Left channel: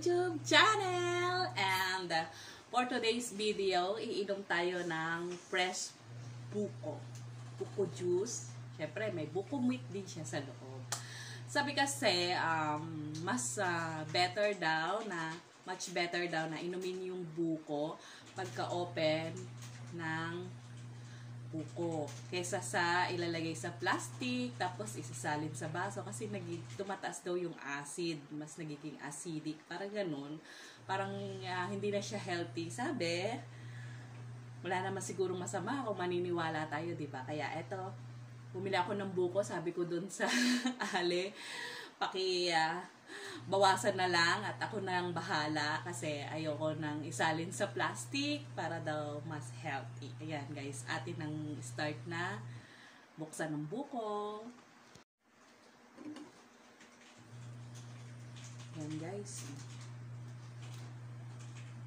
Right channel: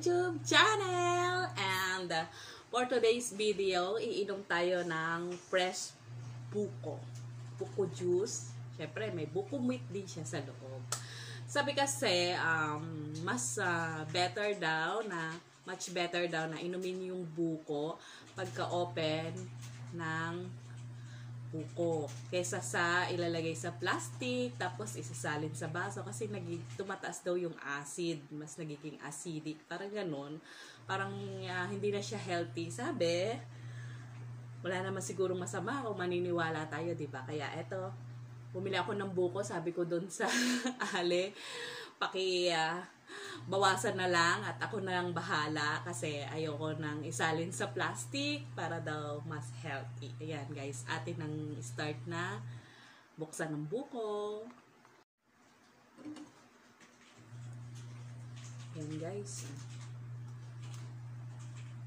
YouTube channel. And for today's video, iinom tayo ng fresh buko. Buko juice. Siyempre, may buko meat din siya sa loob. Sabi kasi, much better daw na inumin yung buko pagka-open ng buko kaysa sa ilalagay sa plastic tapos isasalin sa baso kasi tumataas daw yung acid, mas nagiging acidic, parang ganun, parang hindi na siya healthy. Sabi, wala naman sigurong masama kung maniniwala tayo, di ba? Kaya eto, bumili ako ng buko, sabi ko doon sa ale, bawasan na lang at ako nang bahala kasi ayoko nang isalin sa plastic para daw mas healthy. Ayan guys, atin nang start na buksan ng buko. Ayan guys.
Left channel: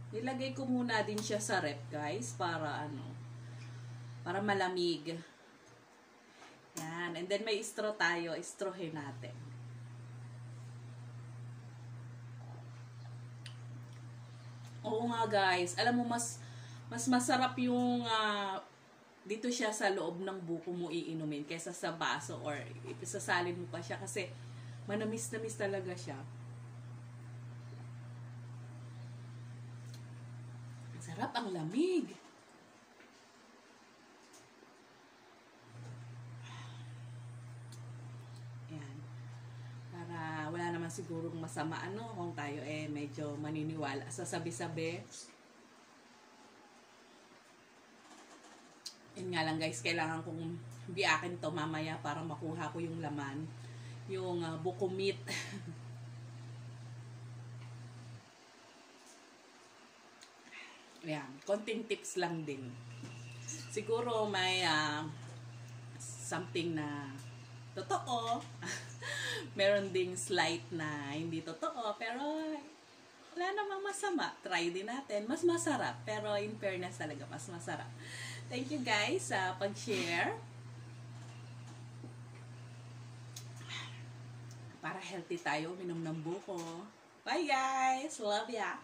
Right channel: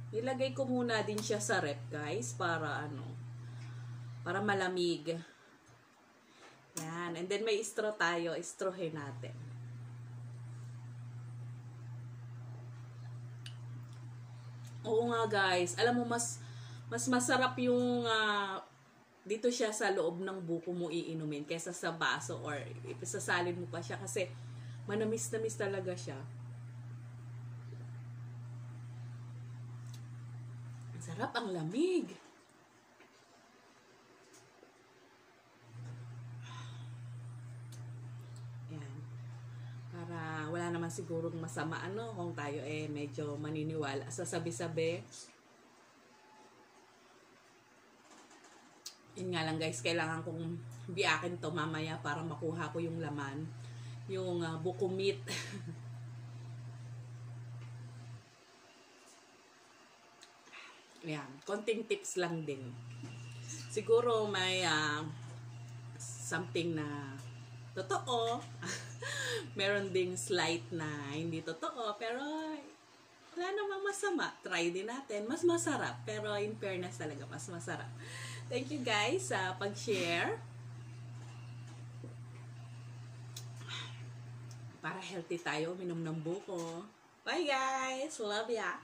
Nilagay ko muna din siya sa ref guys para para malamig. Yan, and then may straw tayo, strawhin natin. Oo nga guys, alam mo mas masarap yung dito siya sa loob ng buko mo iinumin kaysa sa baso or isasalin mo pa siya kasi manamis-namis talaga siya. Ang sarap, ang lamig. Sigurong masama kung tayo medyo maniniwala sa sabi-sabi. Yun nga lang guys, kailangan kong biyakin to mamaya para makuha ko yung laman, yung buko meat. Yan, konting tips lang din. Siguro may something na totoo. Meron ding slight na hindi totoo, pero wala namang masama. Try din natin. Mas masarap, pero in fairness talaga, mas masarap. Thank you guys sa pag-share. Para healthy tayo, minom ng buko. Bye guys! Love ya!